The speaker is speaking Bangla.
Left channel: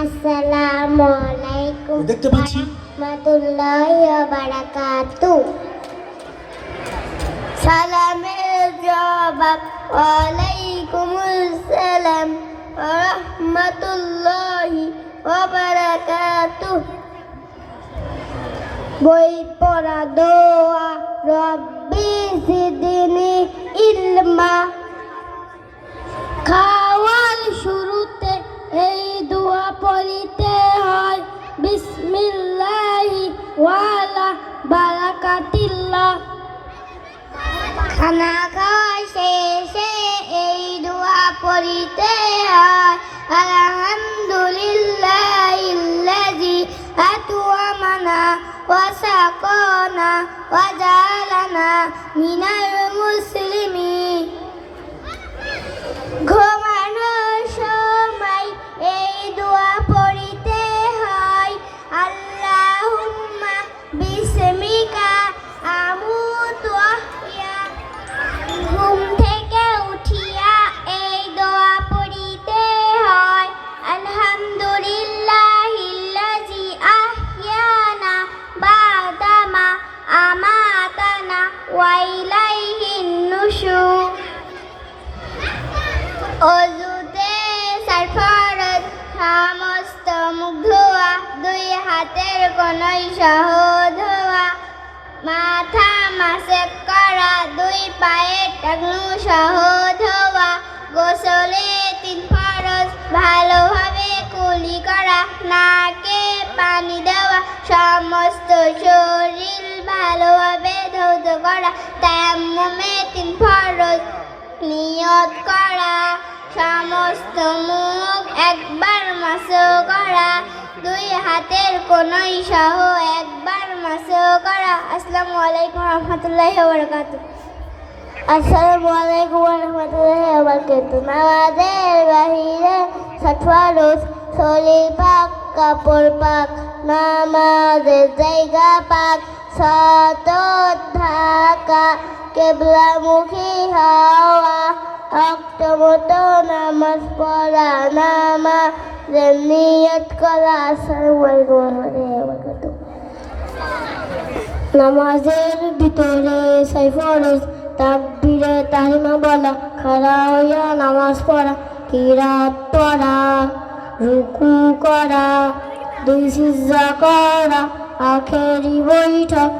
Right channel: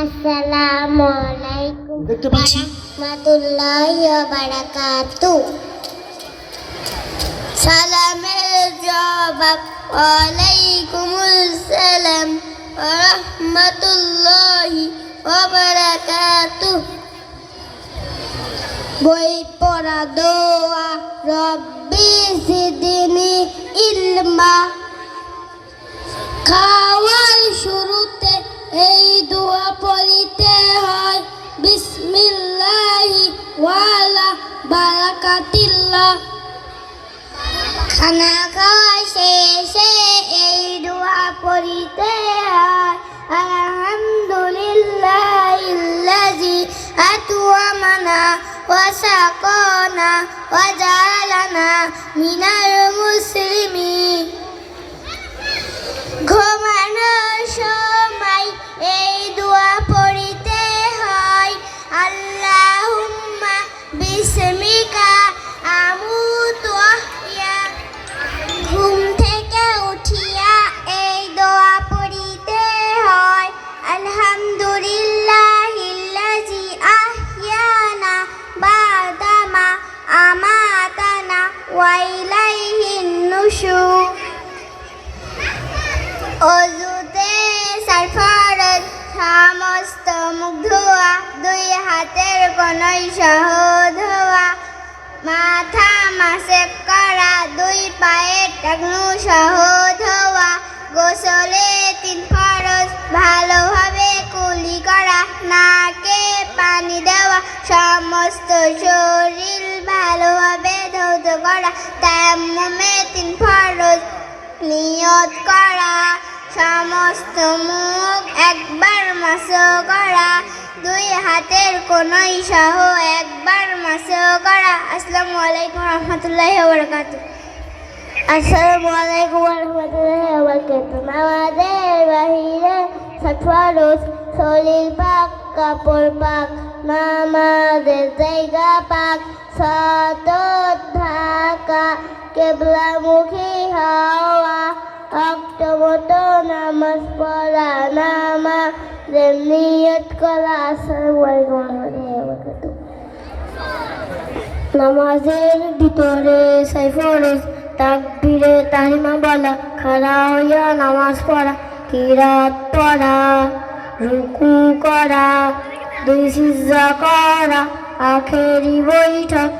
আসসালামু আলাইকুম দেখতে পাচ্ছি রাহমাতুল্লাহি ওয়া বারাকাতুহু। সালামের জবাব ওয়ালাইকুমুস সালাম ওয়া রাহমাতুল্লাহি ওয়া বারাকাতুহু। বই পড়া দোয়া রব্বি জিদনি ইলমা। খাওয়ার শুরুতে এই দোয়া পড়িতে হয় বিসমিল্লাহি ওয়ালা বারাকাতিল্লাহ। খানা খাওয়া শেষে এই দোয়া পড়িতে হয় আলহামদুলিল্লাহিল্লাযী আত'আমানা ওয়া সাকানা ওয়া জাআলানা মিনাল মুসলিমিন। ঘুমানোর সময় এই দোয়া পড়িতে হয় আল্লাহুম্মা বিসমিকা আমুতু ওয়া আহইয়া। ঘুম থেকে উঠিয়া এই দোয়া পড়িতে হয় আলহামদুলিল্লাহিল্লাযী আহইয়ানা বা'দামা আমাতানা ওয়া ইলাইহিন নুশুর। অজুতে সারফরজ সমস্ত মুখ ধোয়া, দুই হাতের কোণই সহ ধোয়া, মাথা মাসেক করা, দুই পায়ের টাকনু সহ ধোয়া, গোসলে 3 ফরজ ভালোভাবে কুলি করা, নাকে পানি দেওয়া, সমস্ত শরীর ভালোভাবে ধৌত করা, তায়াম্মুমে 3 ফরজ নিয়ত করা, সমস্ত মুখ একবার মাসহ করা, দুই হাতের কোণই সহ একবার মাসহ করা। আসসালামু আলাইকুম রাহমাতুল্লাহি ওয়া বারাকাতুহু। আসসালামু আলাইকুম রাহমাতুল্লাহি ওয়া বারাকাতুহু। নামাজের বাহিরে 7 ফরজ, শরীর পাক, কাপড় পাক, নামাজের জায়গা পাক, সাতত ঢাকা, কিবলামুখী হওয়া, অক্টোমতো নামাজ পড়া, নামাজের নিয়ত করা। আসসালামু আলাইকুম ওয়া রাহমাতুল্লাহি ওয়া বারাকাতুহু। নামাজের ভিতরে 6 ফরজ, তাকবীরে তাহরিমা বলা, খাড়া হইয়া নামাজ পড়া, কিরাত পড়া, রুকু করা, 2 সিজদা করা, আখেরি বৈঠক,